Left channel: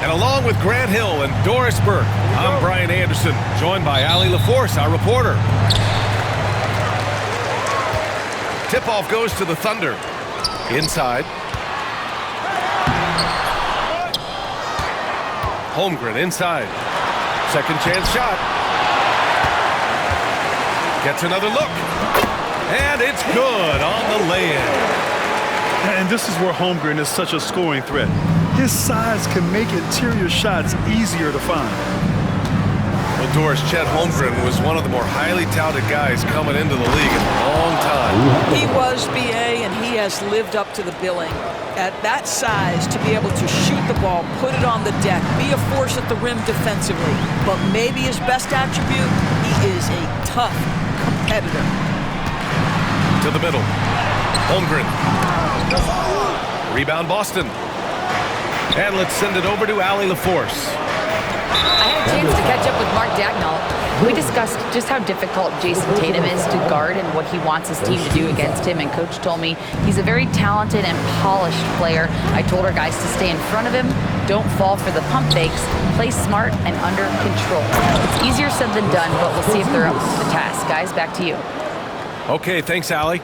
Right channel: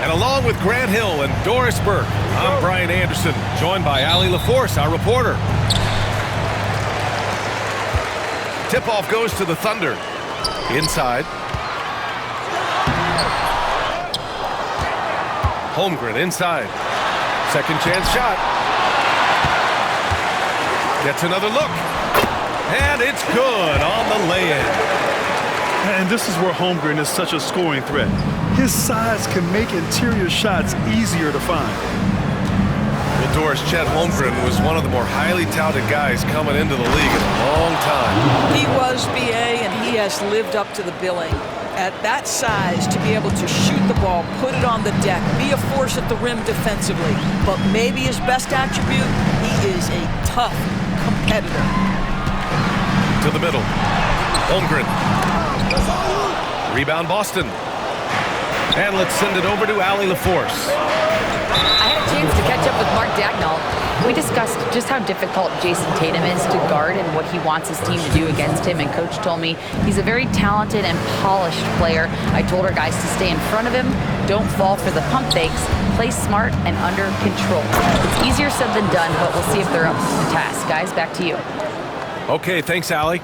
And along with Grant Hill and Doris Burke, I'm Brian Anderson, joined by Allie LaForce, our reporter. Tip-off goes to the Thunder. Inside. Holmgren inside. Second chance shot. Gets another look. And it's good on the lay-in. And this is where Holmgren is such a scoring threat. His size can make interior shots easier to find. Well, Doris, Chet Holmgren was one of the more highly touted guys coming into the league in a long time. He was, BA, and he has lived up to the billing. At that size, to be able to shoot the ball, put it on the deck, be a force at the rim defensively. But maybe his best attribute, he is a tough competitor. To the middle. Holmgren. Rebound Boston. And let's send it over to Allie LaForce. I had a chance to catch up with Mark Dagnall. We discussed just how difficult Jason Tatum is to guard and what he wants his team to do against him, and Coach told me he's a very talented and polished player. I told our guys to stay in front of him, don't fall for the pump fakes, play smart and under control. It's easier said than done, but we'll see if they're up to the task. Guys, back to you. Okay, thanks, Allie.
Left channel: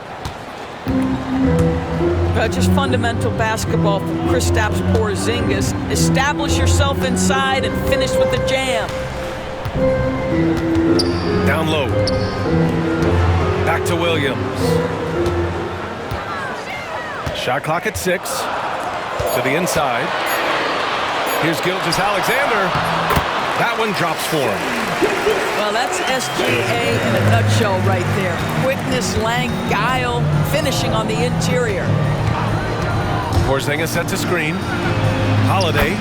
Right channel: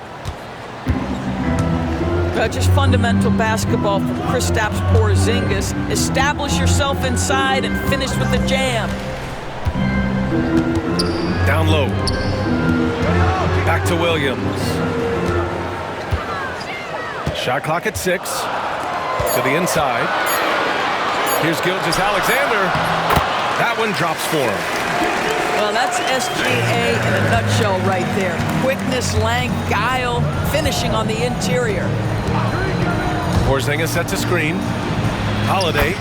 Just fundamental basketball from Kristaps Porzingis. Establish yourself inside and finish with the jam. Down low. Back to Williams. Shot clock at 6. To the inside. Here's Gilgeous-Alexander. That one drops for him. Well, that's SGA in a nutshell right there. Quickness, length, guile, finishing on the interior. Porzingis sets a screen. Holiday.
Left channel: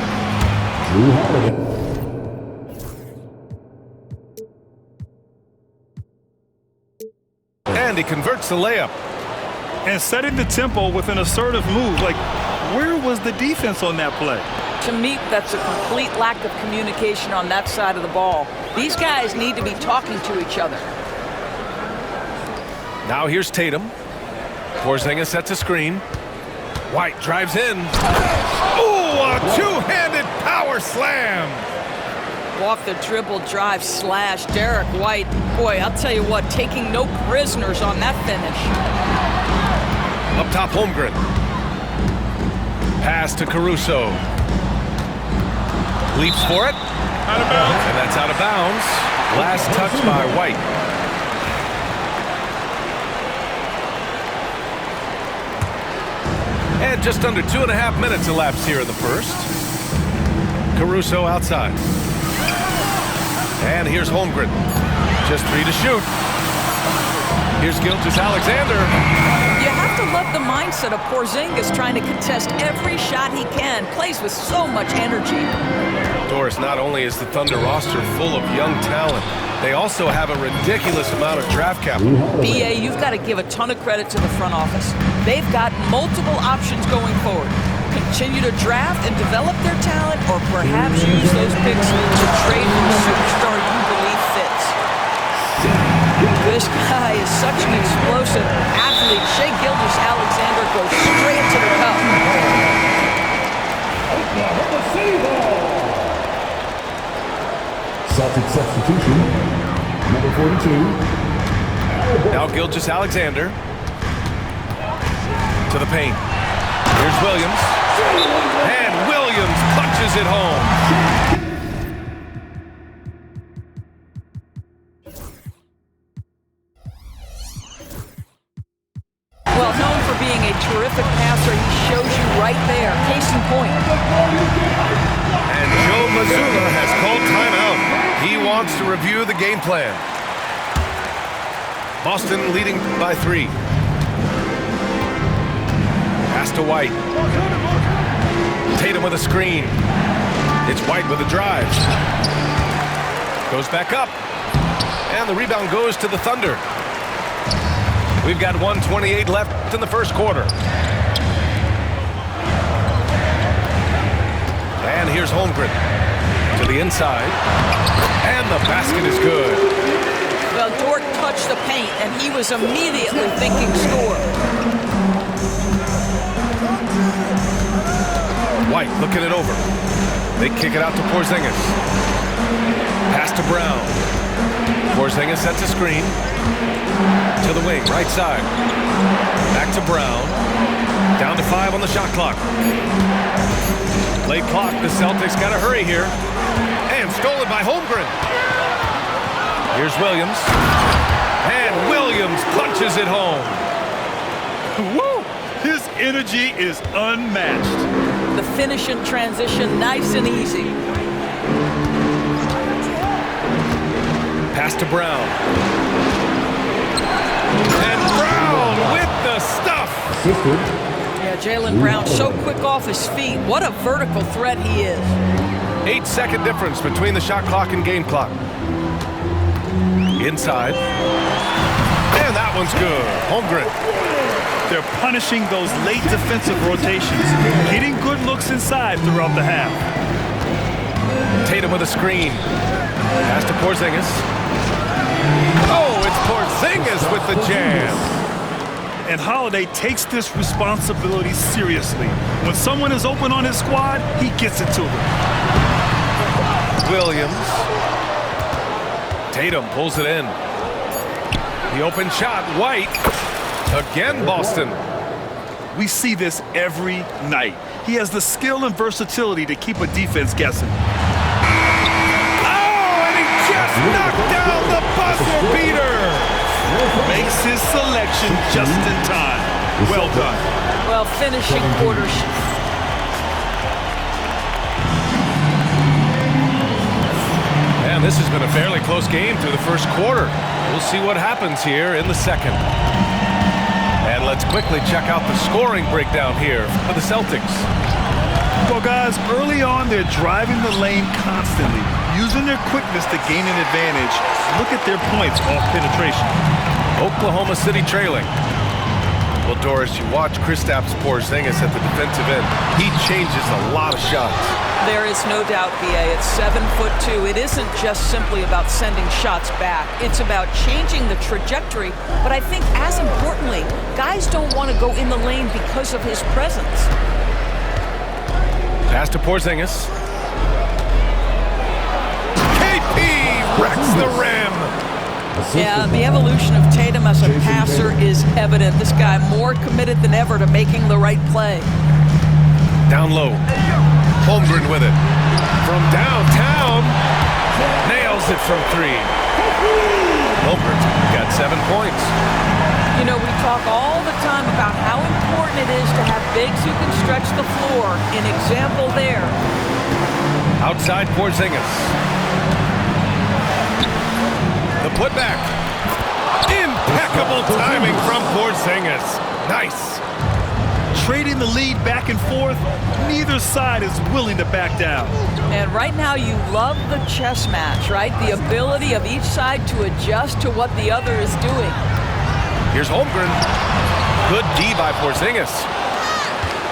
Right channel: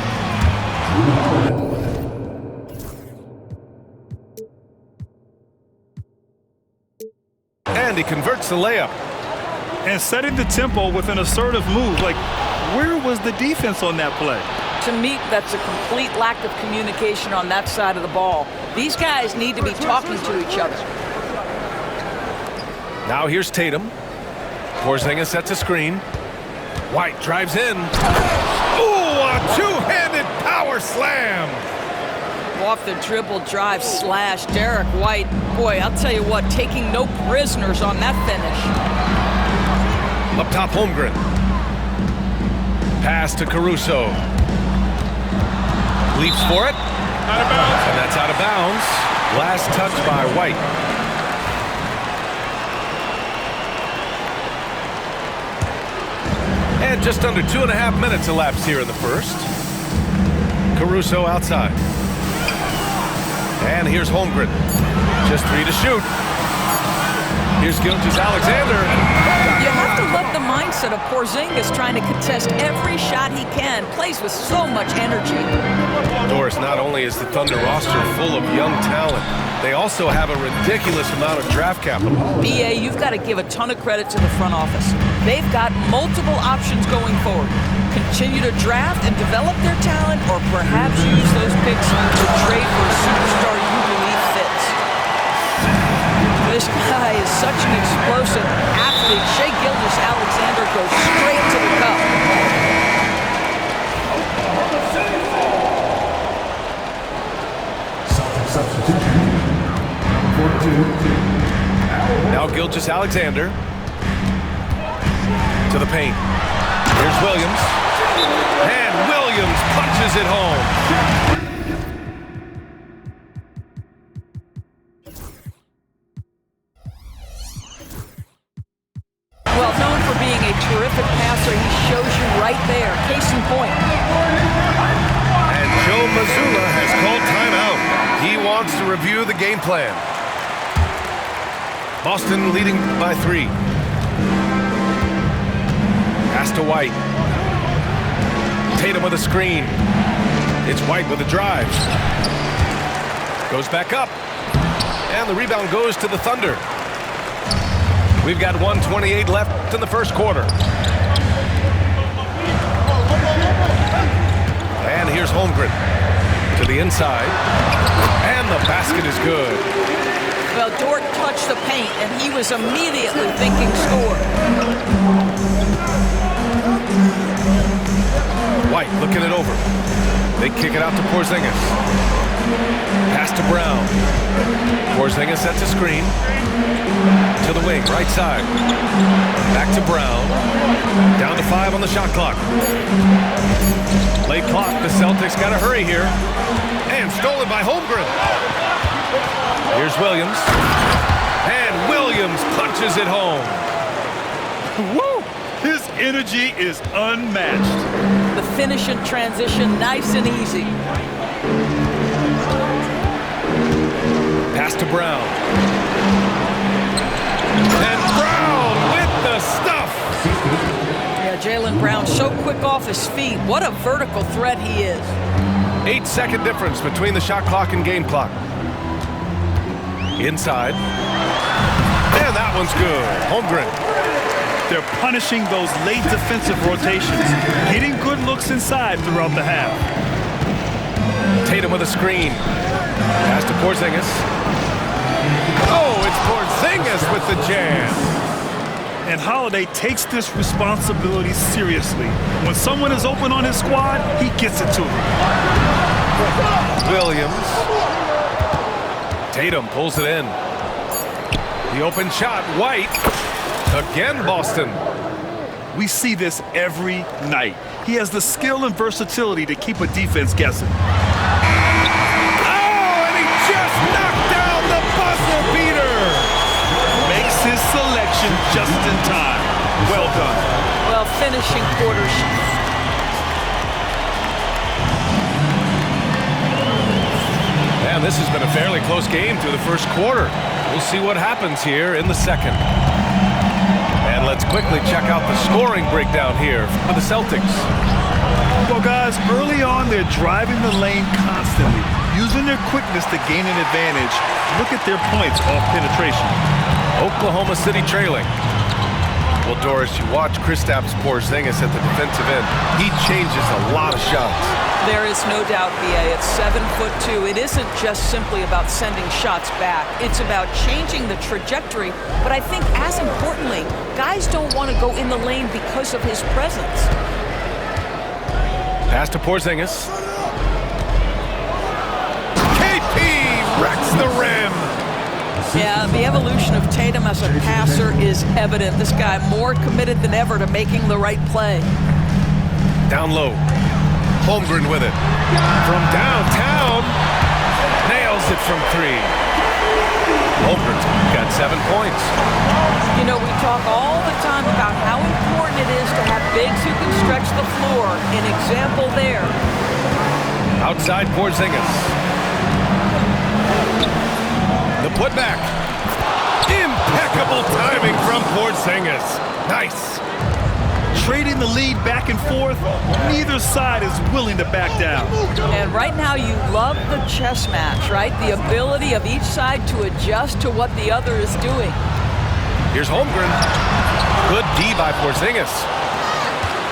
And he converts the layup. And setting the tempo with an assertive move. Like, where was the defense on that play? To me, that's a complete lack of communication on that side of the ball. These guys need to be talking to each other. Now here's Tatum. Porzingis sets a screen. White drives in. Ooh, a two-handed power slam. Off the dribble, drive, slash. Derek White, boy, I'll tell you what, taking no prisoners on that finish. Up top, Holmgren. Pass to Caruso. Leaps for it. Out of bounds. And that's out of bounds. Last touch by White. And just under 2.5 minutes elapsed here in the first. Caruso outside. And here's Holmgren. Just 3 to shoot. Here's Gilgeous-Alexander. You have to love the mindset of Porzingis trying to contest every shot he can. Plays with so much energy. Doris, not only is the Thunder roster full of young talent, they also have a ridiculous amount of draft capital. BA, you've got to give a ton of credit to the front office. They've got multiple options going forward. Continue to draft and develop their talent, or perhaps use those picks to trade for a superstar you believe fits. This guy is such an explosive athlete. Shai Gilgeous-Alexander goes straight to the cup. Celtic substitution, number 42. Now Gilgeous-Alexander to the paint. Here's Williams. And Williams punches it home. Well, known for being a terrific passer, he shows you right there. Case in point. And Joe Mazzulla has called timeout. He wants to review the game plan. Boston leading by 3. Pass to White. Tatum with a screen. It's White with a drive. Goes back up. And the rebound goes to the Thunder. We've got 1:28 left in the first quarter. And here's Holmgren to the inside. And the basket is good. Well, Dort touched the paint, and he was immediately thinking score. White looking it over. They kick it out to Porzingis. Pass to Brown. Porzingis sets a screen. To the wing, right side. Back to Brown. Down to 5 on the shot clock. Late clock, the Celtics got to hurry here. And stolen by Holmgren. Here's Williams. And Williams punches it home. Woo! His energy is unmatched. The finish in transition, nice and easy. Pass to Brown. And Brown with the stuff. Yeah, Jaylen Brown so quick off his feet. What a vertical threat he is. 8-second difference between the shot clock and game clock. Inside. And that one's good. Holmgren. They're punishing those late defensive rotations, getting good looks inside throughout the half. Tatum with a screen. Pass to Porzingis. Oh, it's Porzingis with the jam. And Holiday takes this responsibility seriously. When someone is open on his squad, he gets it to them. Williams. Tatum pulls it in. The open shot, White. Again, Boston. We see this every night. He has the skill and versatility to keep a defense guessing. Oh, and he just knocked down the buzzer beater. Makes his selection just in time. Well done. Well, finishing quarters. And this has been a fairly close game through the first quarter. We'll see what happens here in the second. And let's quickly check out the scoring breakdown here for the Celtics. Well, guys, early on, they're driving the lane constantly, using their quickness to gain an advantage. Look at their points off penetration. Oklahoma City trailing. Well, Doris, you watch Kristaps Porzingis at the defensive end. He changes a lot of shots. There is no doubt, B.A. It's 7'2". It isn't just simply about sending shots back. It's about changing the trajectory. But I think, as importantly, guys don't want to go in the lane because of his presence. Pass to Porzingis. KP wrecks the rim. Yeah, the evolution of Tatum as a passer is evident. This guy more committed than ever to making the right play. Down low. Holmgren with it. From downtown. Nails it from 3. Holmgren's got 7 points. You know, we talk all the time about how important it is to have bigs who can stretch the floor. An example there. Outside Porzingis. The putback. Impeccable timing from Porzingis. Nice. Trading the lead back and forth, neither side is willing to back down. And right now you love the chess match, right? The ability of each side to adjust to what the other is doing. Here's Holmgren. Good D by Porzingis.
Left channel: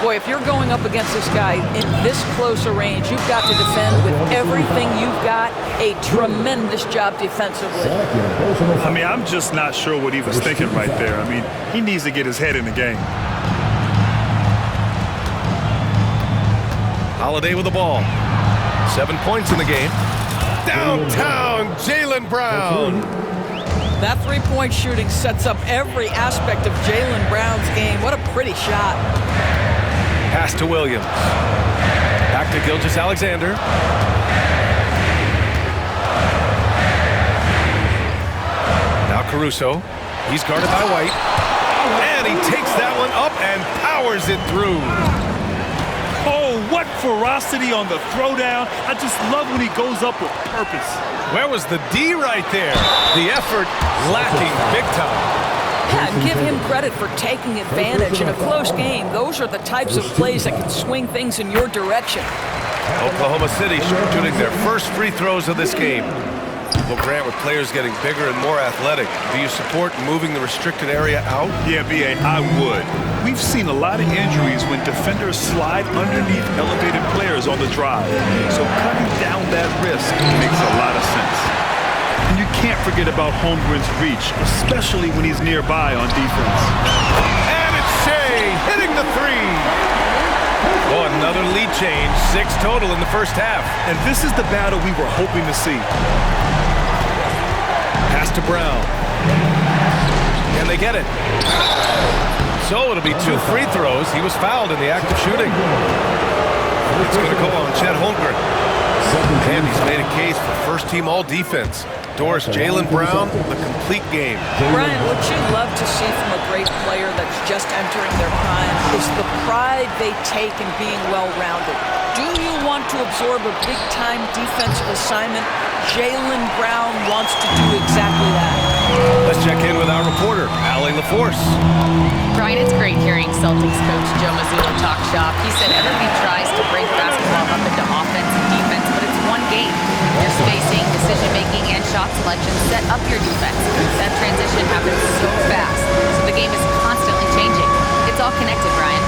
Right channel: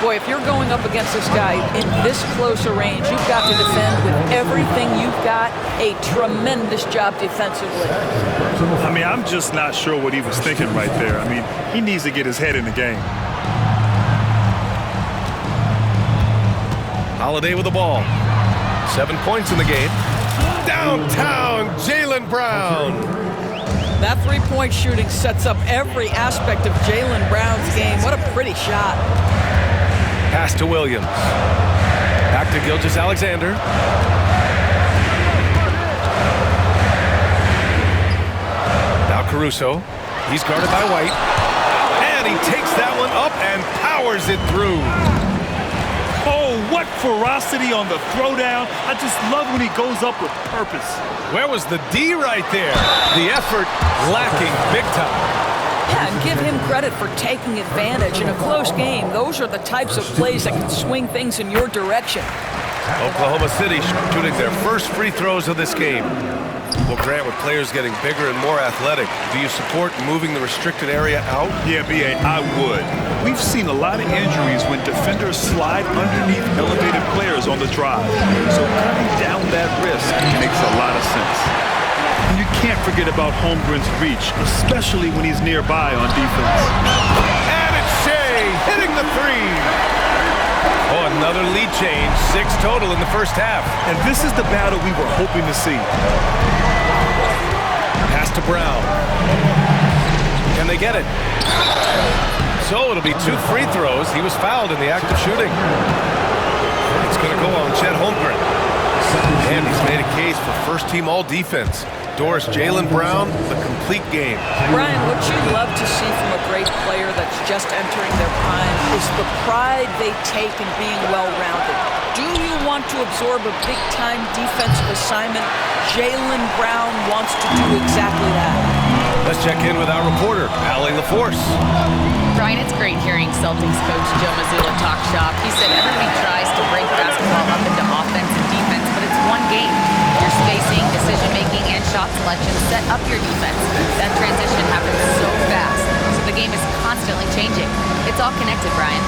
Boy, if you're going up against this guy in this close a range, you've got to defend with everything you've got. A tremendous job defensively. I mean, I'm just not sure what he was thinking right there. I mean, he needs to get his head in the game. Holiday with the ball. 7 points in the game. Downtown, Jaylen Brown. That three-point shooting sets up every aspect of Jaylen Brown's game. What a pretty shot. Pass to Williams. Back to Gilgeous-Alexander. Now Caruso. He's guarded by White. And he takes that one up and powers it through. Oh, what ferocity on the throwdown. I just love when he goes up with purpose. Where was the D right there? The effort lacking big time. Yeah, and give him credit for taking advantage in a close game. Those are the types of plays that can swing things in your direction. Oklahoma City shooting their first free throws of this game. Well, Grant, with players getting bigger and more athletic, do you support moving the restricted area out? Yeah, B.A., I would. We've seen a lot of injuries when defenders slide underneath elevated players on the drive. So cutting down that risk makes a lot of sense. And you can't forget about Holmgren's reach, especially when he's nearby on defense. And it's Shea hitting the 3. Oh, another lead change. 6 total in the first half. And this is the battle we were hoping to see. Pass to Brown. Can they get it? So it'll be 2 free throws. He was fouled in the act of shooting. It's going to go on Chet Holmgren. And he's made a case for first-team all-defense. Doris Jaylen Brown, the complete game. Brian, what you love to see from a great player that's just entering their prime is the pride they take in being well-rounded. Do you want to absorb a big-time defensive assignment? Jaylen Brown wants to do exactly that. Let's check in with our reporter, Allie LaForce. Brian, it's great hearing Celtics coach Joe Mazzulla talk shop. He said everybody tries to break basketball up into offense and defense, but it's one game. Your spacing, decision-making, and shot selection set up your defense. That transition happens so fast, so the game is constantly changing. It's all connected, Brian.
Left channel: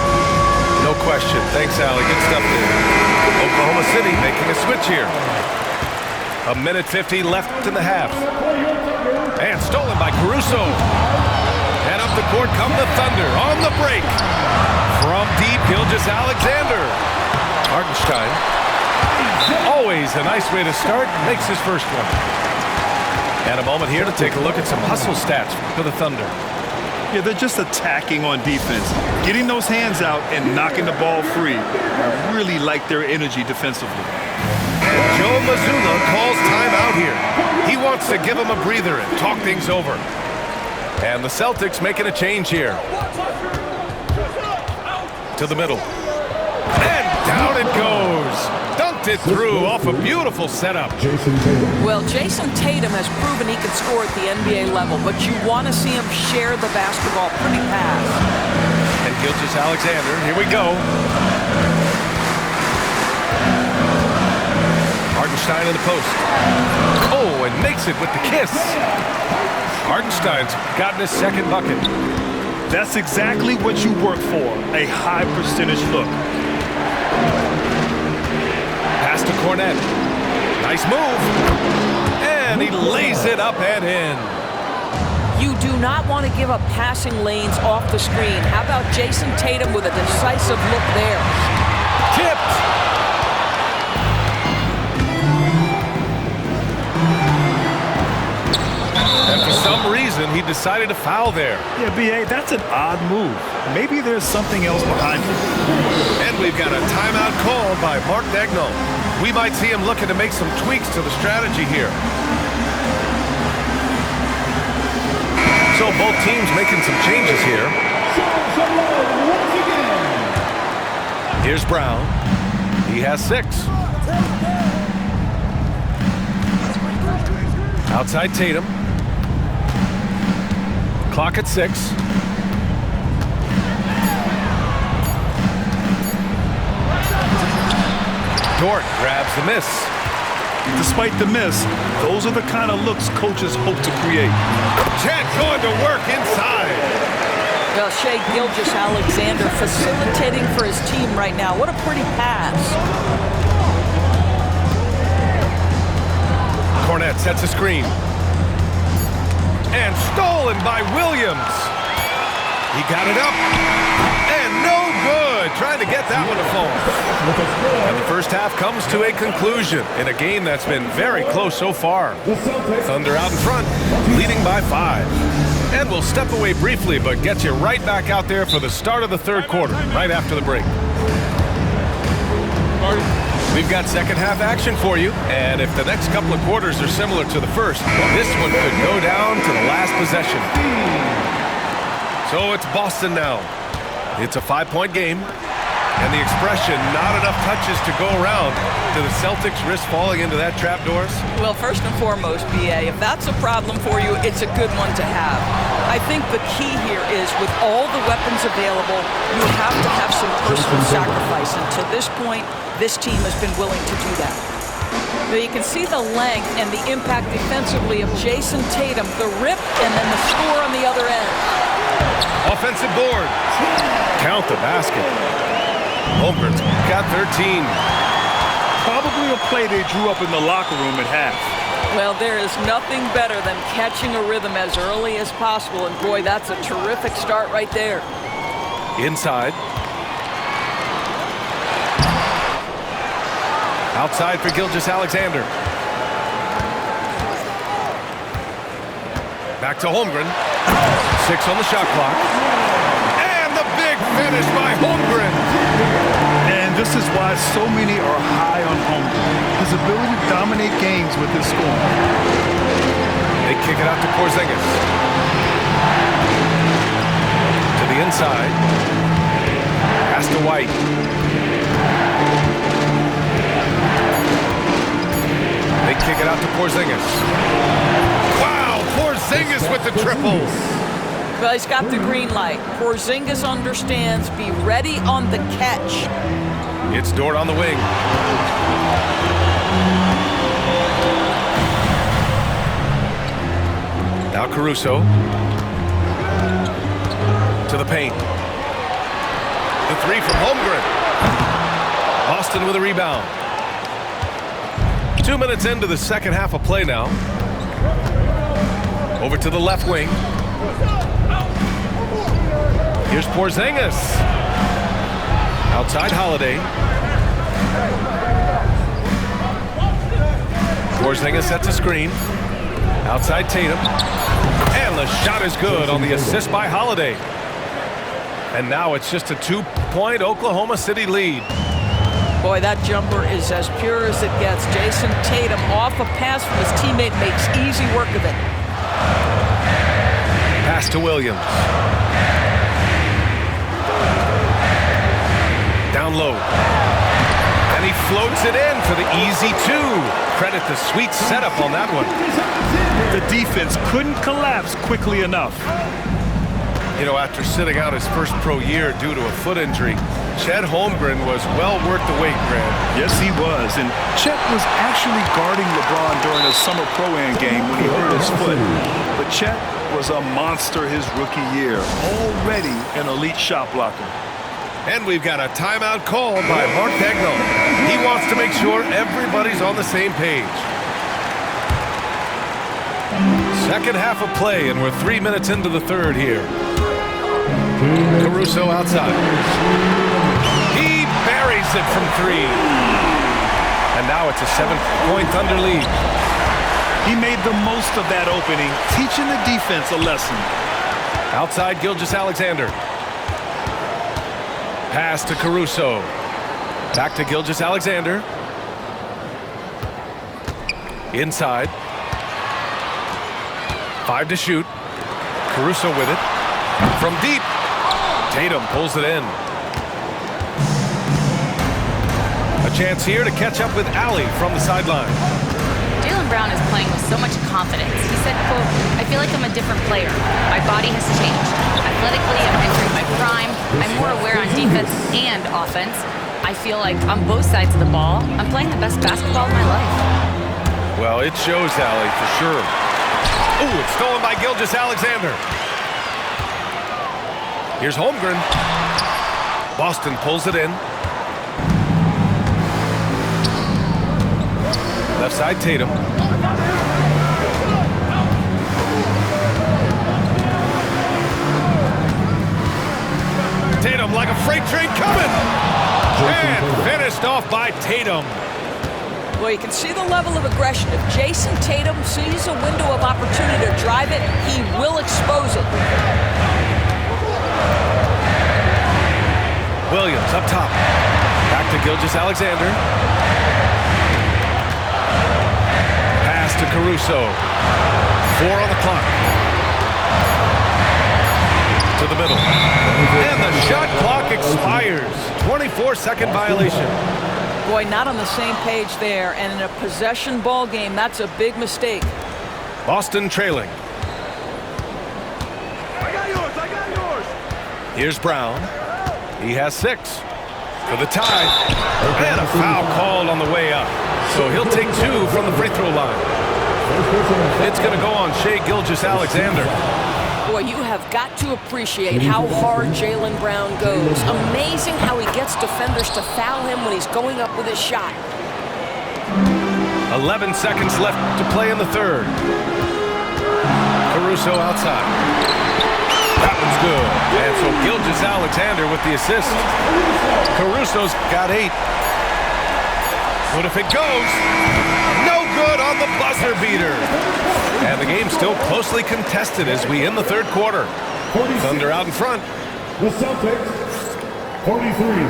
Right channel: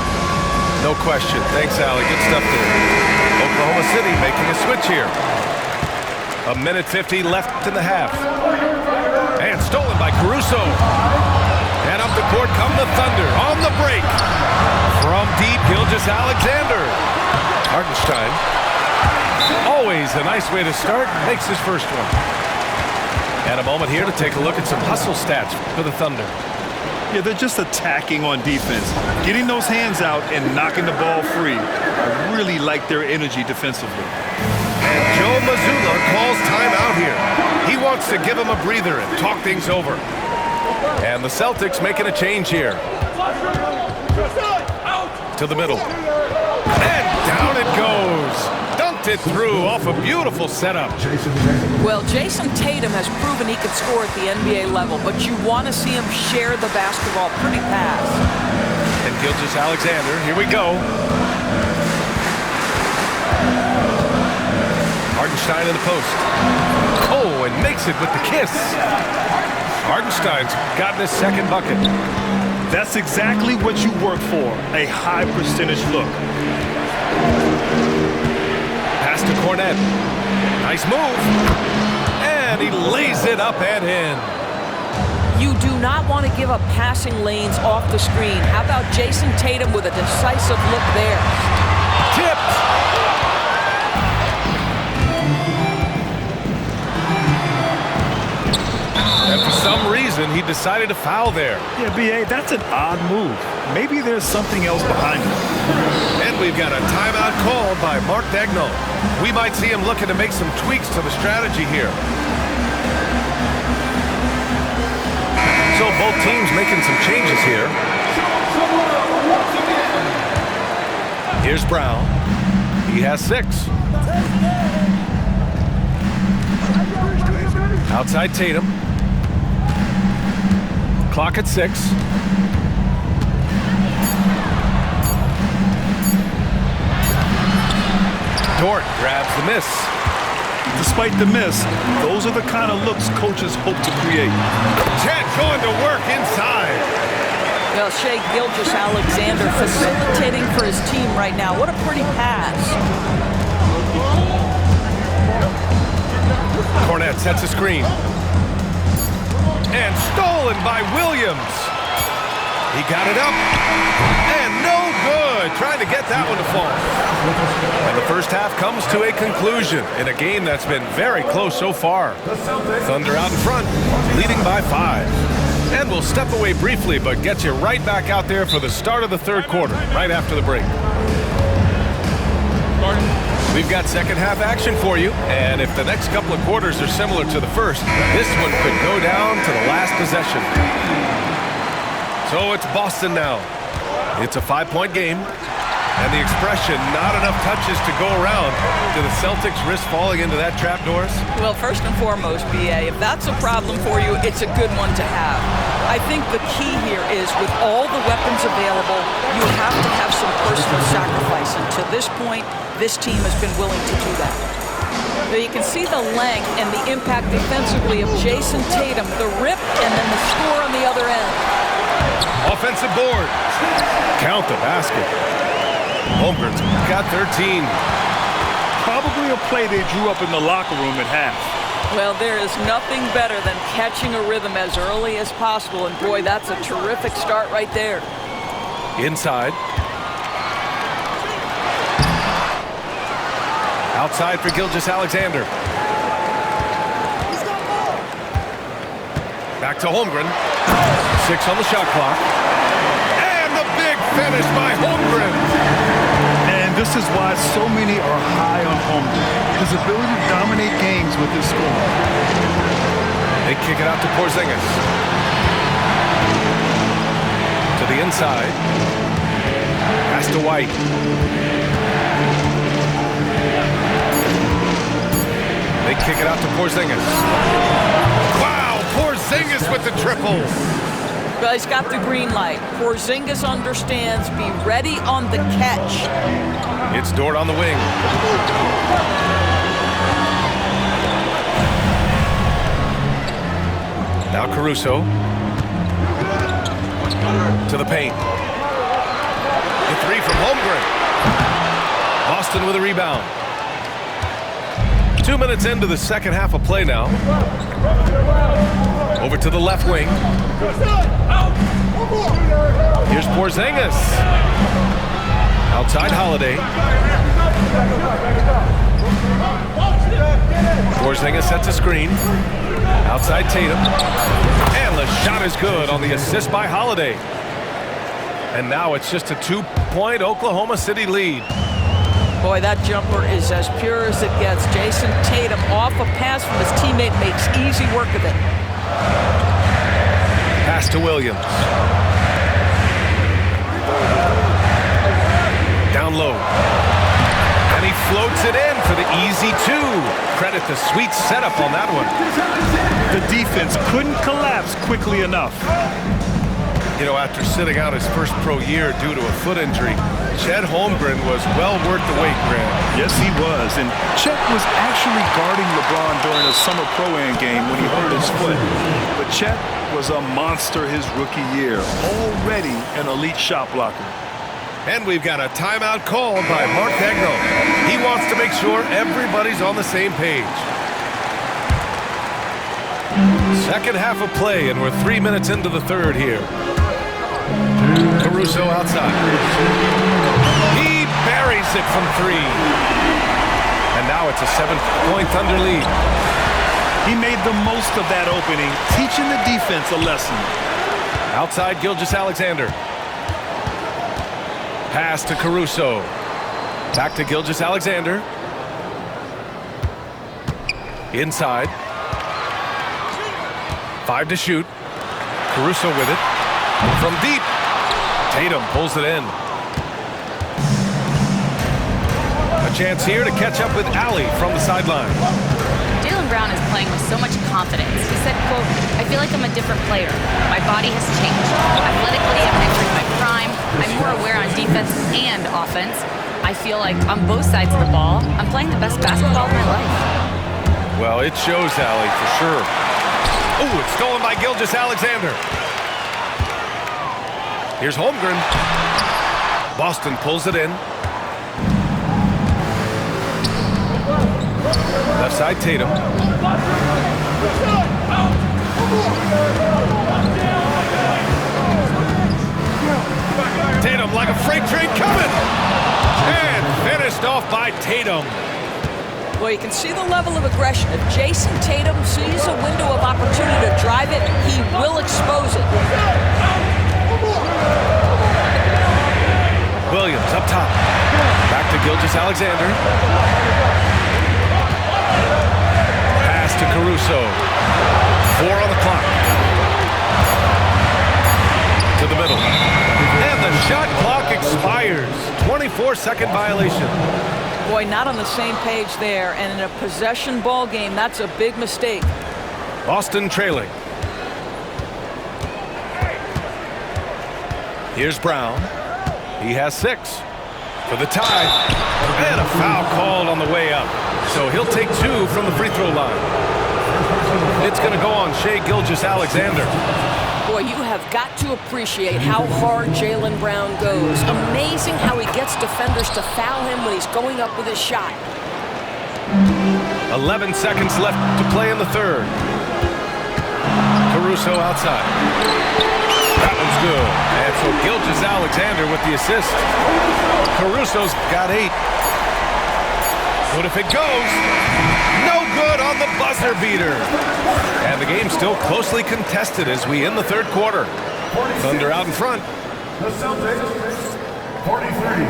No question. Thanks, Allie. Good stuff there. Oklahoma City making a switch here. 1:50 left in the half. And stolen by Caruso. And up the court come the Thunder on the break. From deep, Gilgeous-Alexander. Hartenstein. Always a nice way to start. Makes his first one. And a moment here to take a look at some hustle stats for the Thunder. Yeah, they're just attacking on defense. Getting those hands out and knocking the ball free. I really like their energy defensively. And Joe Mazzulla calls timeout here. He wants to give him a breather and talk things over. And the Celtics making a change here. To the middle. And down it goes. Dunked it through off a beautiful setup. Well, Jason Tatum has proven he can score at the NBA level, but you want to see him share the basketball pretty fast. And Gilgeous-Alexander, here we go. Hartenstein in the post. Oh, and makes it with the kiss. Hartenstein's gotten his second bucket. That's exactly what you work for, a high percentage look. Pass to Cornette. Nice move. And he lays it up and in. You do not want to give up passing lanes off the screen. How about Jason Tatum with a decisive look there? Tipped. And for some reason, he decided to foul there. Yeah, B.A., that's an odd move. Maybe there's something else behind it. And we've got a timeout called by Mark Daigneault. We might see him looking to make some tweaks to the strategy here. So both teams making some changes here. Here's Brown. He has 6. Outside Tatum. Clock at 6. Dort grabs the miss. Despite the miss, those are the kind of looks coaches hope to create. Chet going to work inside. Well, Shai Gilgeous-Alexander facilitating for his team right now. What a pretty pass. Cornette sets a screen. And stolen by Williams. He got it up. And no good. Trying to get that one to fall. And the first half comes to a conclusion in a game that's been very close so far. Thunder out in front, leading by 5. And we'll step away briefly, but get you right back out there for the start of the third quarter, right after the break. We've got second half action for you, and if the next couple of quarters are similar to the first, this one could go down to the last possession. So it's Boston now. It's a 5-point game, and the expression, not enough touches to go around. Do the Celtics risk falling into that trap, Doris? Well, first and foremost, B.A., if that's a problem for you, it's a good one to have. I think the key here is with all the weapons available, you have to have some personal sacrifice, and to this point, this team has been willing to do that. Now you can see the length and the impact defensively of Jason Tatum, the rip, and then the score on the other end. Offensive board. Count the basket. Holmgren's got 13. Probably a play they drew up in the locker room at half. Well, there is nothing better than catching a rhythm as early as possible, and boy, that's a terrific start right there. Inside. Outside for Gilgeous-Alexander. Back to Holmgren. 6 on the shot clock. And the big finish by Holmgren. And this is why so many are high on Holmgren. His ability to dominate games with his scoring. They kick it out to Porzingis. To the inside. Pass to White. They kick it out to Porzingis. Wow, Porzingis with the triple. Well, he's got the green light. Porzingis understands. Be ready on the catch. It's Dort on the wing. Now Caruso. To the paint. The 3 from Holmgren. Boston with a rebound. 2 minutes into the second half of play now. Over to the left wing. Here's Porzingis. Outside Holiday. Porzingis sets a screen. Outside Tatum. And the shot is good on the assist by Holiday. And now it's just a 2-point Oklahoma City lead. Boy, that jumper is as pure as it gets. Jason Tatum off a pass from his teammate makes easy work of it. Pass to Williams. Down low. And he floats it in for the easy 2. Credit the sweet setup on that one. The defense couldn't collapse quickly enough. You know, after sitting out his first pro year due to a foot injury, Chet Holmgren was well worth the wait, Grant. Yes, he was. And Chet was actually guarding LeBron during a summer Pro-Am game when he hurt his foot. But Chet was a monster his rookie year, already an elite shot blocker. And we've got a timeout called by Mark Daigneault. He wants to make sure everybody's on the same page. Second half of play, and we're 3 minutes into the third here. Caruso outside. He buries it from 3. And now it's a 7-point Thunder lead. He made the most of that opening, teaching the defense a lesson. Outside Gilgeous-Alexander. Pass to Caruso. Back to Gilgeous-Alexander. Inside. 5 to shoot. Caruso with it. From deep. Tatum pulls it in. A chance here to catch up with Allie from the sideline. Jaylen Brown is playing with so much confidence. He said, quote, "I feel like I'm a different player. My body has changed. Athletically, I'm entering my prime. I'm more aware on defense and offense. I feel like on both sides of the ball, I'm playing the best basketball of my life." Well, it shows, Allie, for sure. Oh, it's stolen by Gilgeous-Alexander. Here's Holmgren. Boston pulls it in. Left side Tatum. Tatum like a freight train coming. And finished off by Tatum. Well, you can see the level of aggression. If Jason Tatum sees a window of opportunity to drive it, he will expose it. Williams up top. Back to Gilgeous-Alexander. Pass to Caruso. 4 on the clock. To the middle. And the shot clock expires. 24-second violation. Boy, not on the same page there. And in a possession ball game, that's a big mistake. Boston trailing. Here's Brown. He has 6 for the tie. And a foul called on the way up. So he'll take 2 from the free throw line. It's going to go on Shai Gilgeous-Alexander. Boy, you have got to appreciate how hard Jaylen Brown goes. Amazing how he gets defenders to foul him when he's going up with his shot. 11 seconds left to play in the third. Caruso outside. That one's good. And so Gilgeous-Alexander with the assist. Caruso's got 8. What if it goes? No good on the buzzer beater. And the game's still closely contested as we end the third quarter. 46. Thunder out in front. The Celtics, 43.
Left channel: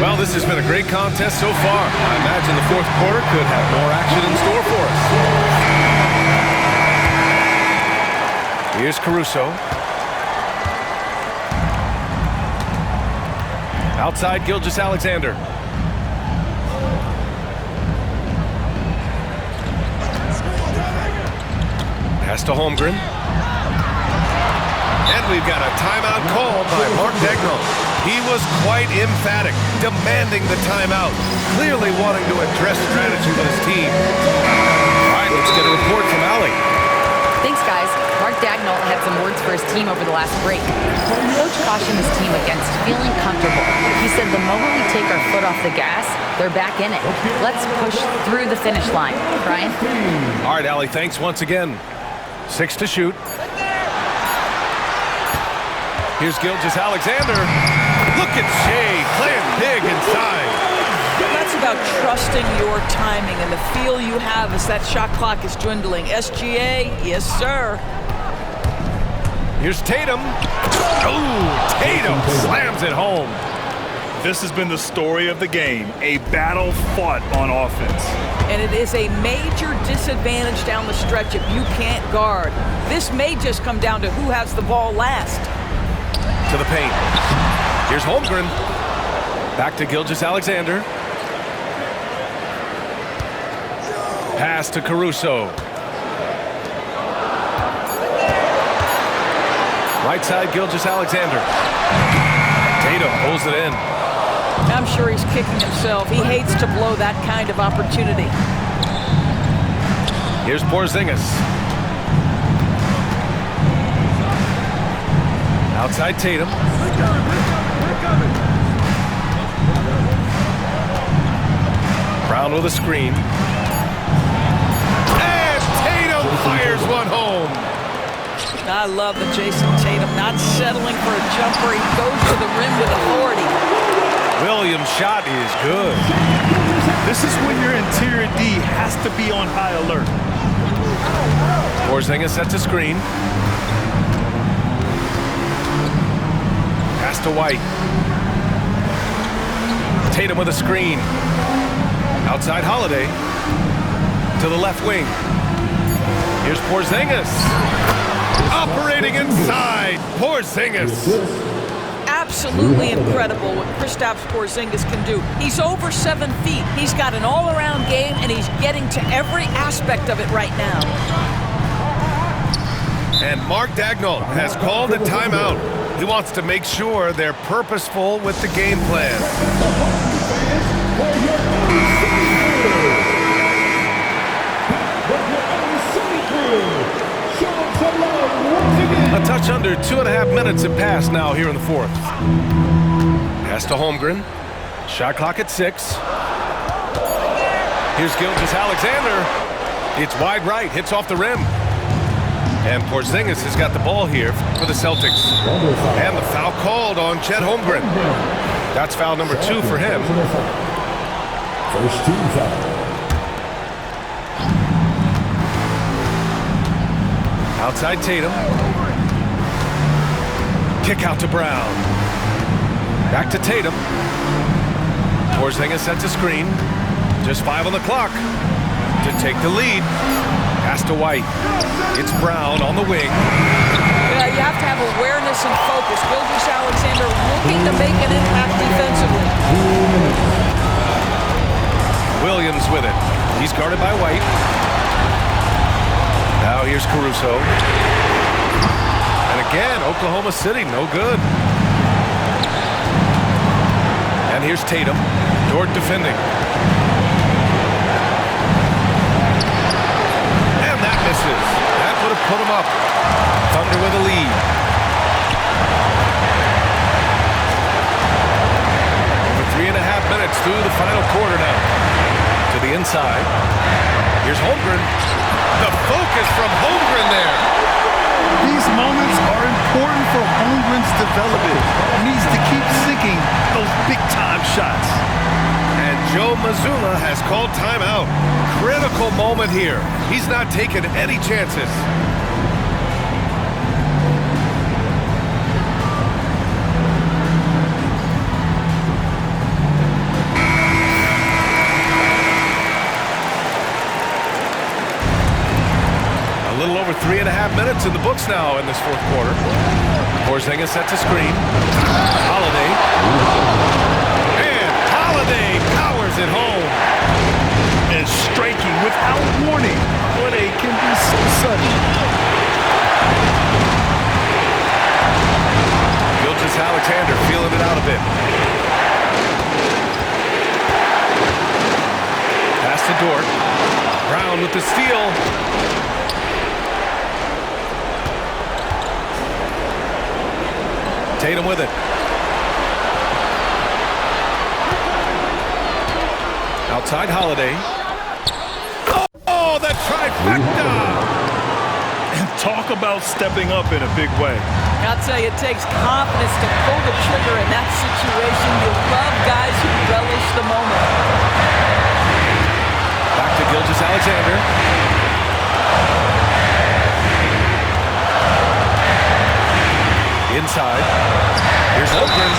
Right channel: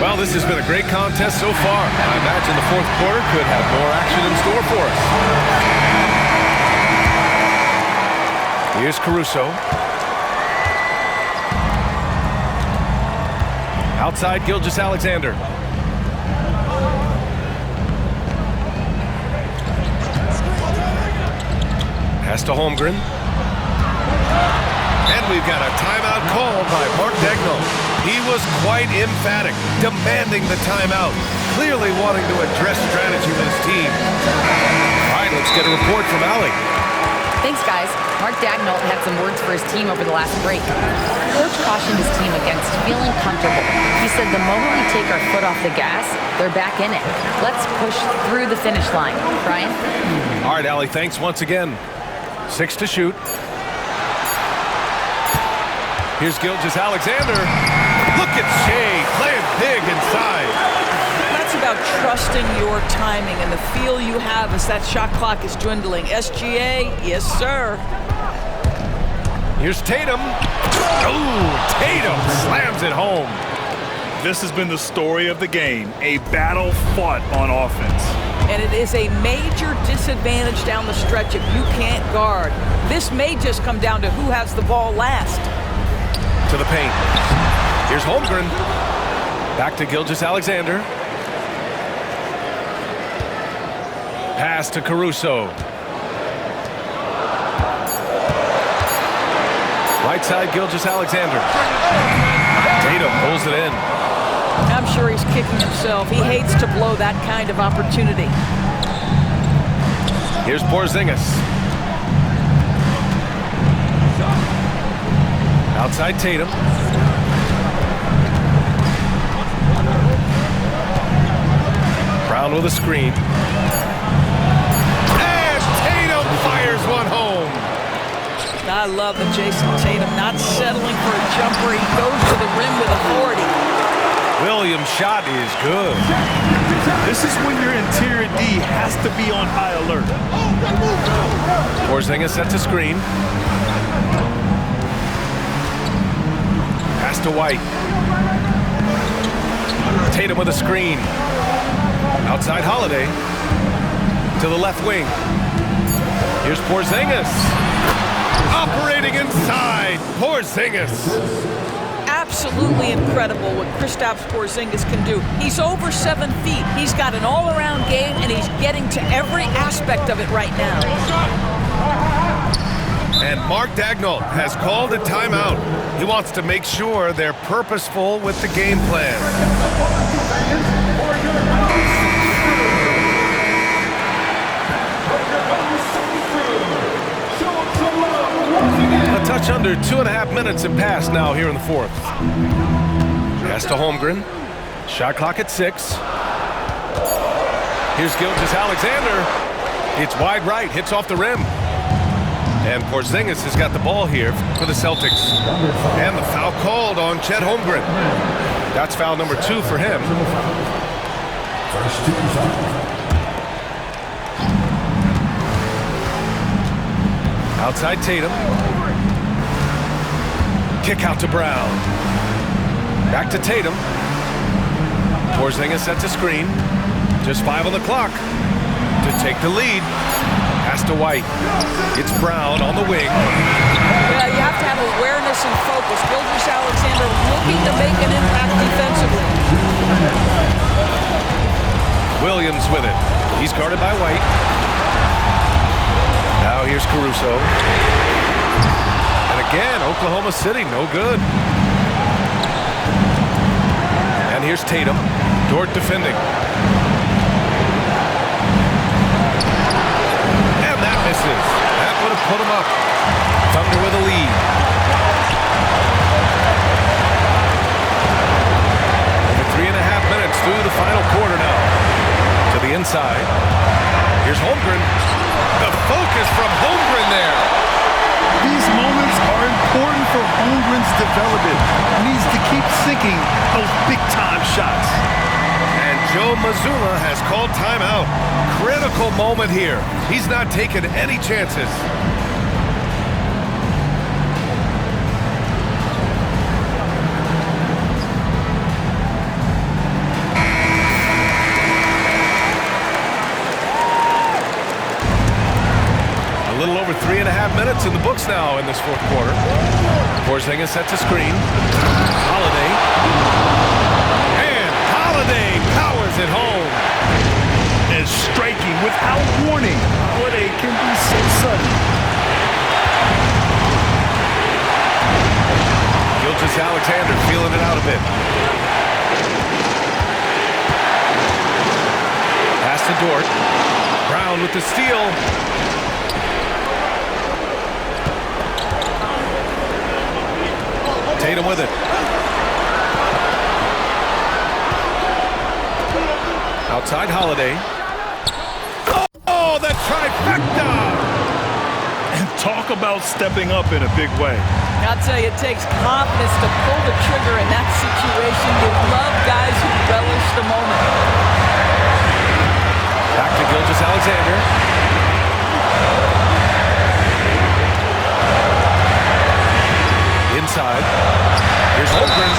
Well, this has been a great contest so far. I imagine the fourth quarter could have more action in store for us. Here's Caruso. Outside Gilgeous-Alexander. Pass to Holmgren. And we've got a timeout called by Mark Daigneault. He was quite emphatic, demanding the timeout, clearly wanting to address strategy with his team. All right, let's get a report from Allie. Thanks, guys. Mark Daigneault had some words for his team over the last break. Coach cautioned his team against feeling comfortable. He said the moment we take our foot off the gas, they're back in it. Let's push through the finish line. Brian? All right, Allie, thanks once again. 6 to shoot. Here's Gilgeous-Alexander. Look at Shea playing big inside. That's about trusting your timing and the feel you have as that shot clock is dwindling. SGA, yes, sir. Here's Tatum. Oh, Tatum slams it home. This has been the story of the game, a battle fought on offense. And it is a major disadvantage down the stretch if you can't guard. This may just come down to who has the ball last. To the paint. Here's Holmgren. Back to Gilgeous-Alexander. Pass to Caruso. Right side, Gilgeous-Alexander. Tatum pulls it in. I'm sure he's kicking himself. He hates to blow that kind of opportunity. Here's Porzingis. Outside Tatum. Brown with a screen. And Tatum fires one home. I love that Jason Tatum not settling for a jumper. He goes to the rim with authority. Williams' shot is good. This is when your interior D has to be on high alert. Porzingis sets a screen. Pass to White. Tatum with a screen. Outside Holiday. To the left wing. Here's Porzingis. Operating inside. Porzingis. Absolutely incredible what Kristaps Porzingis can do. He's over 7 feet. He's got an all-around game, and he's getting to every aspect of it right now. And Mark Daigneault has called a timeout. He wants to make sure they're purposeful with the game plan. A touch under 2.5 minutes have passed now here in the fourth. Pass to Holmgren. Shot clock at 6. Here's Gilgeous-Alexander. It's wide right, hits off the rim. And Porzingis has got the ball here for the Celtics. And the foul called on Chet Holmgren. That's foul number 2 for him. First team foul. Outside Tatum. Kick out to Brown. Back to Tatum. Porzingis sets a screen. Just 5 on the clock to take the lead. Pass to White. It's Brown on the wing. Yeah, you have to have awareness and focus. Gilgeous-Alexander looking to make an impact defensively. Williams with it. He's guarded by White. Now here's Caruso. And again, Oklahoma City, no good. And here's Tatum. Dort defending. And that misses. That would have put him up. Thunder with a lead. Over 3.5 minutes through the final quarter now. To the inside. Here's Holmgren. The focus from Holmgren there. These moments are important for Holmgren's development. He needs to keep sinking those big-time shots. And Joe Mazzulla has called timeout. Critical moment here. He's not taking any chances. A little over 3.5 minutes in the books now in this fourth quarter. Porzingis sets a screen. Holiday. And Holiday powers it home. And striking without warning. Holiday can be so sudden. Gilgeous-Alexander feeling it out a bit. Pass to Dort. Brown with the steal. Tatum with it. Outside Holiday. Oh, the trifecta! And talk about stepping up in a big way. I'll tell you, it takes confidence to pull the trigger in that situation. You love guys who relish the moment. Back to Gilgeous-Alexander. Inside. Here's Holmgren.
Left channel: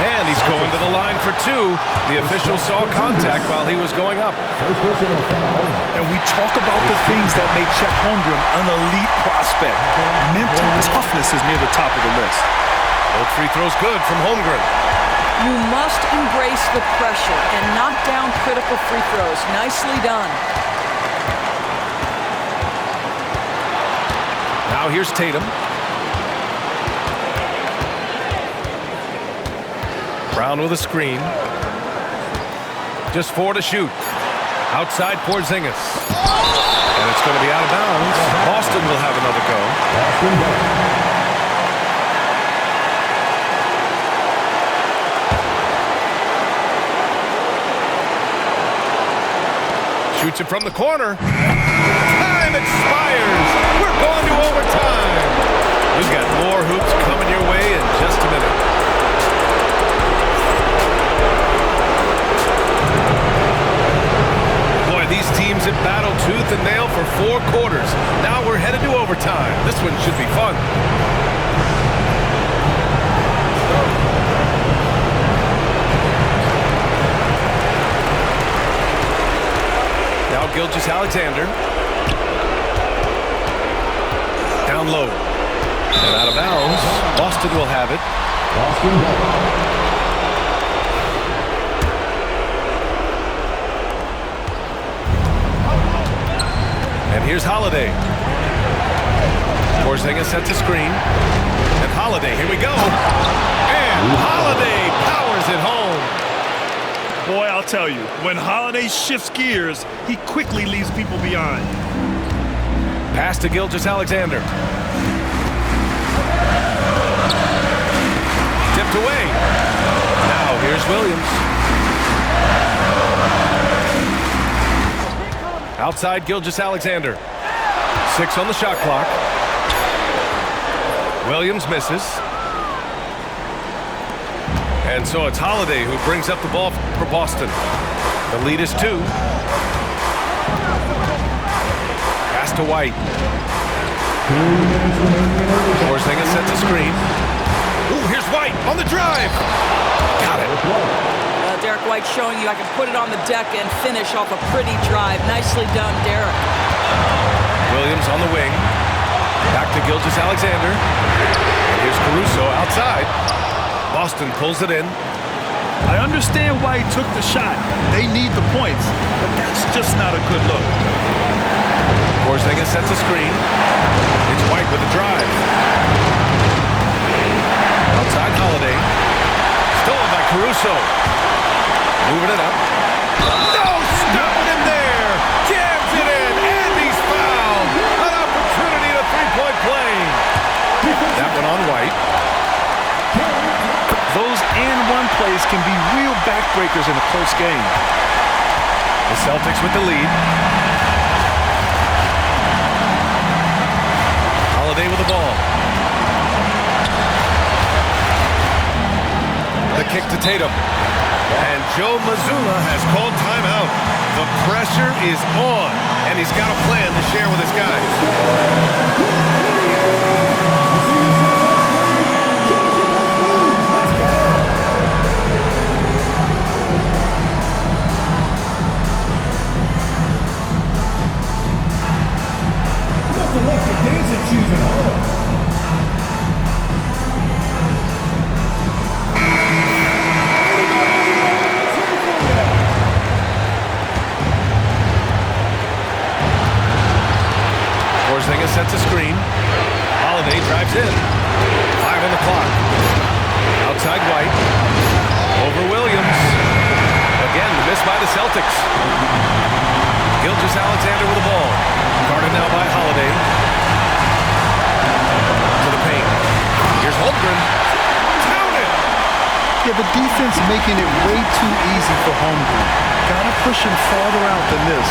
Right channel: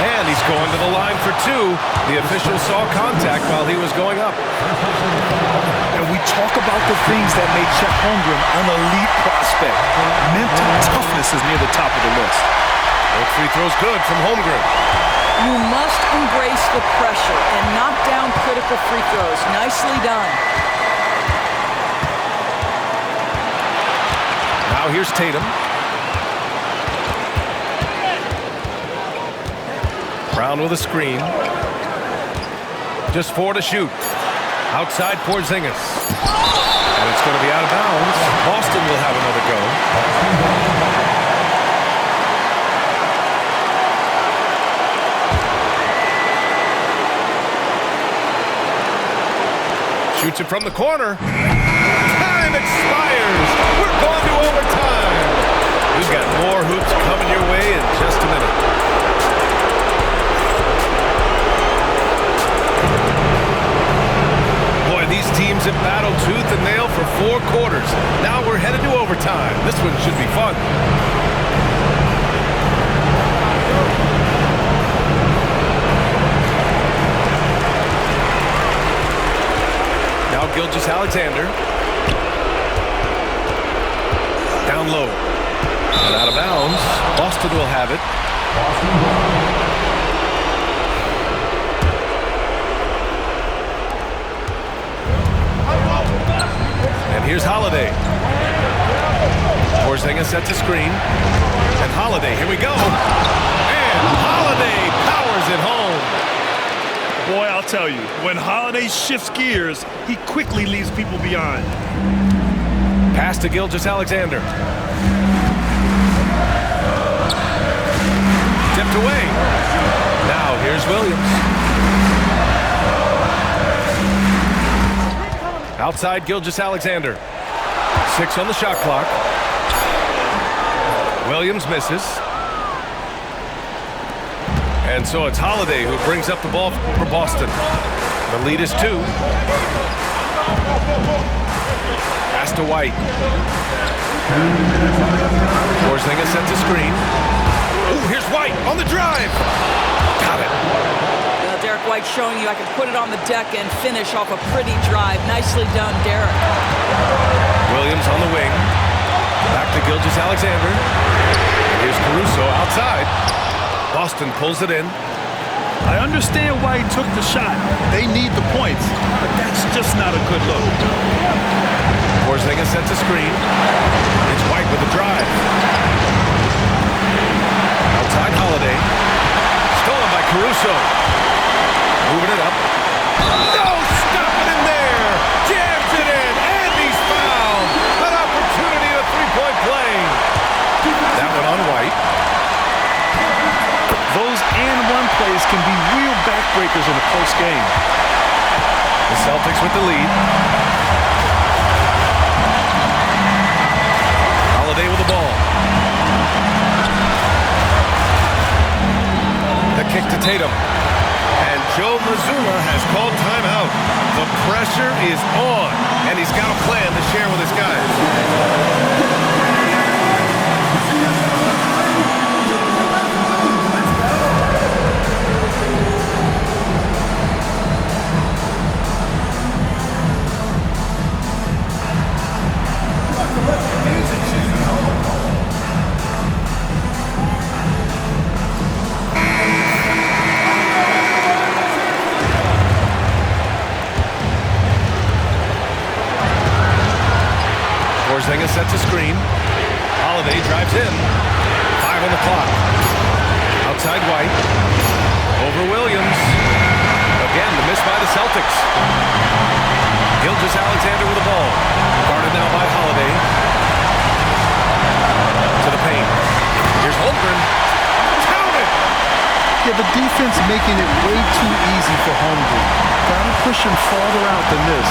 And he's going to the line for two. The official saw contact while he was going up. And we talk about the things that made Chet Holmgren an elite prospect. Mental toughness is near the top of the list. Both free throws good from Holmgren. You must embrace the pressure and knock down critical free throws. Nicely done. Now here's Tatum. Brown with a screen. Just 4 to shoot. Outside Porzingis. And it's going to be out of bounds. Boston will have another go. Shoots it from the corner. Time expires. We're going to overtime. We've got more hoops coming your way in just a minute. Boy, these teams have battled tooth and nail for 4 quarters. Now we're headed to overtime. This one should be fun. Now Gilgeous-Alexander. Down low. And out of bounds. Boston will have it. And here's Holiday. Porzingis sets a screen. And Holiday, here we go. And Holiday powers it home. Boy, I'll tell you, when Holiday shifts gears, he quickly leaves people behind. Pass to Gilgeous-Alexander. Tipped away. Now here's Williams. Outside Gilgeous-Alexander. 6 on the shot clock. Williams misses. And so it's Holiday who brings up the ball for Boston. The lead is 2. Pass to White. Porzingis sets a screen. Ooh, here's White on the drive. Got it. Derek White showing you I can put it on the deck and finish off a pretty drive. Nicely done, Derek. Williams on the wing. Back to Gilgeous-Alexander. And here's Caruso outside. Boston pulls it in. I understand why he took the shot. They need the points, but that's just not a good look. Porzingis sets a screen. It's White with a drive. Outside Holiday. Stolen by Caruso. Moving it up. No, stopping him there. Jams it in, and he's fouled. An opportunity at a 3-point play. That one on White. Those and-one plays can be real backbreakers in a close game. The Celtics with the lead. Holiday with the ball. The kick to Tatum. And Joe Mazzulla has called timeout. The pressure is on, and he's got a plan to share with his guys. Porzingis sets a screen. Holiday drives in. 5 on the clock. Outside White. Over Williams. Again, the miss by the Celtics. Gilgeous-Alexander with the ball. Guarded now by Holiday. To the paint. Here's Holmgren. Count it! Yeah, the defense making it way too easy for Holmgren. Gotta push him farther out than this.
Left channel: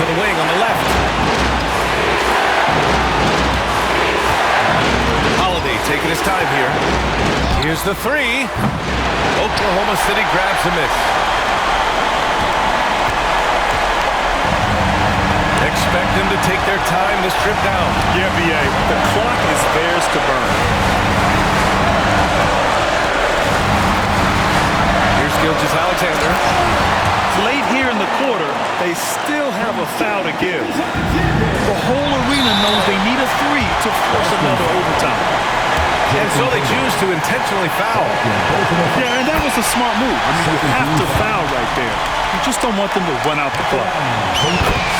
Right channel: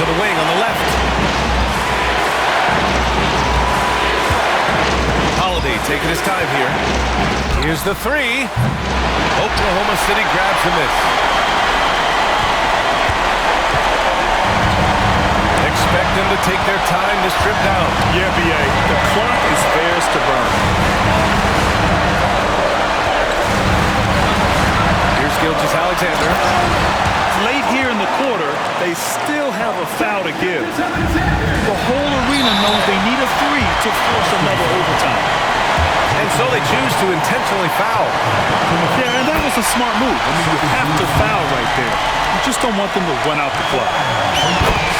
To the wing on the left. Holiday taking his time here. Here's the three. Oklahoma City grabs the miss. Expect them to take their time this trip down. Yeah, B.A., the clock is theirs to burn. Here's Gilgeous-Alexander. Late here in the quarter, they still have a foul to give. The whole arena knows they need a three to force another overtime. And so they choose to intentionally foul. Yeah, and that was a smart move. I mean, you have to foul right there. You just don't want them to run out the clock.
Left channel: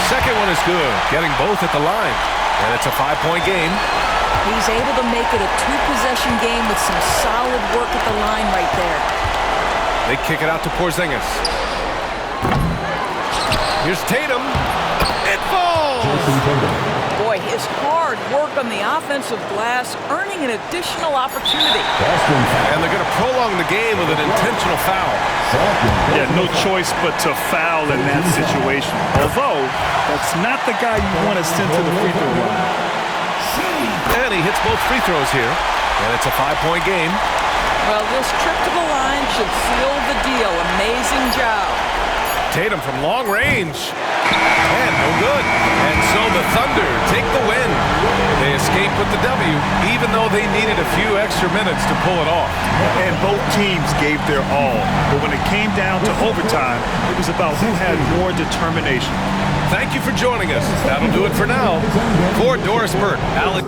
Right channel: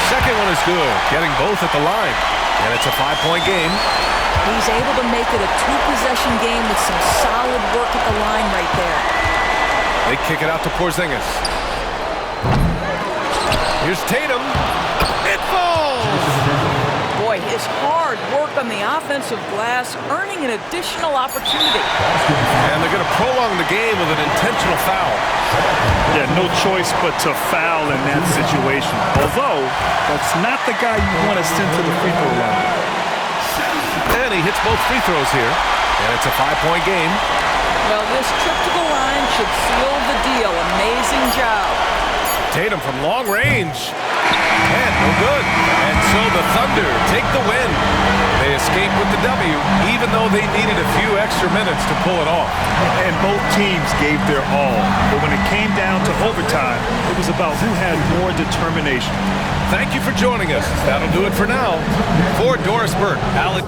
Second one is good, getting both at the line. And it's a 5-point game. He's able to make it a 2-possession game with some solid work at the line right there. They kick it out to Porzingis. Here's Tatum. It falls! Boy, his hard work on the offensive glass earning an additional opportunity. And they're going to prolong the game with an intentional foul. Yeah, no choice but to foul in that situation. Although, that's not the guy you want to send to the free throw line. And he hits both free throws here. And it's a 5-point game. Well, this trip to the line should seal the deal. Amazing job. Tatum from long range. And no good. And so the Thunder take the win. They escape with the W, even though they needed a few extra minutes to pull it off. And both teams gave their all. But when it came down to overtime, it was about who had more determination. Thank you for joining us. That'll do it for now. For Doris Burke, Alex.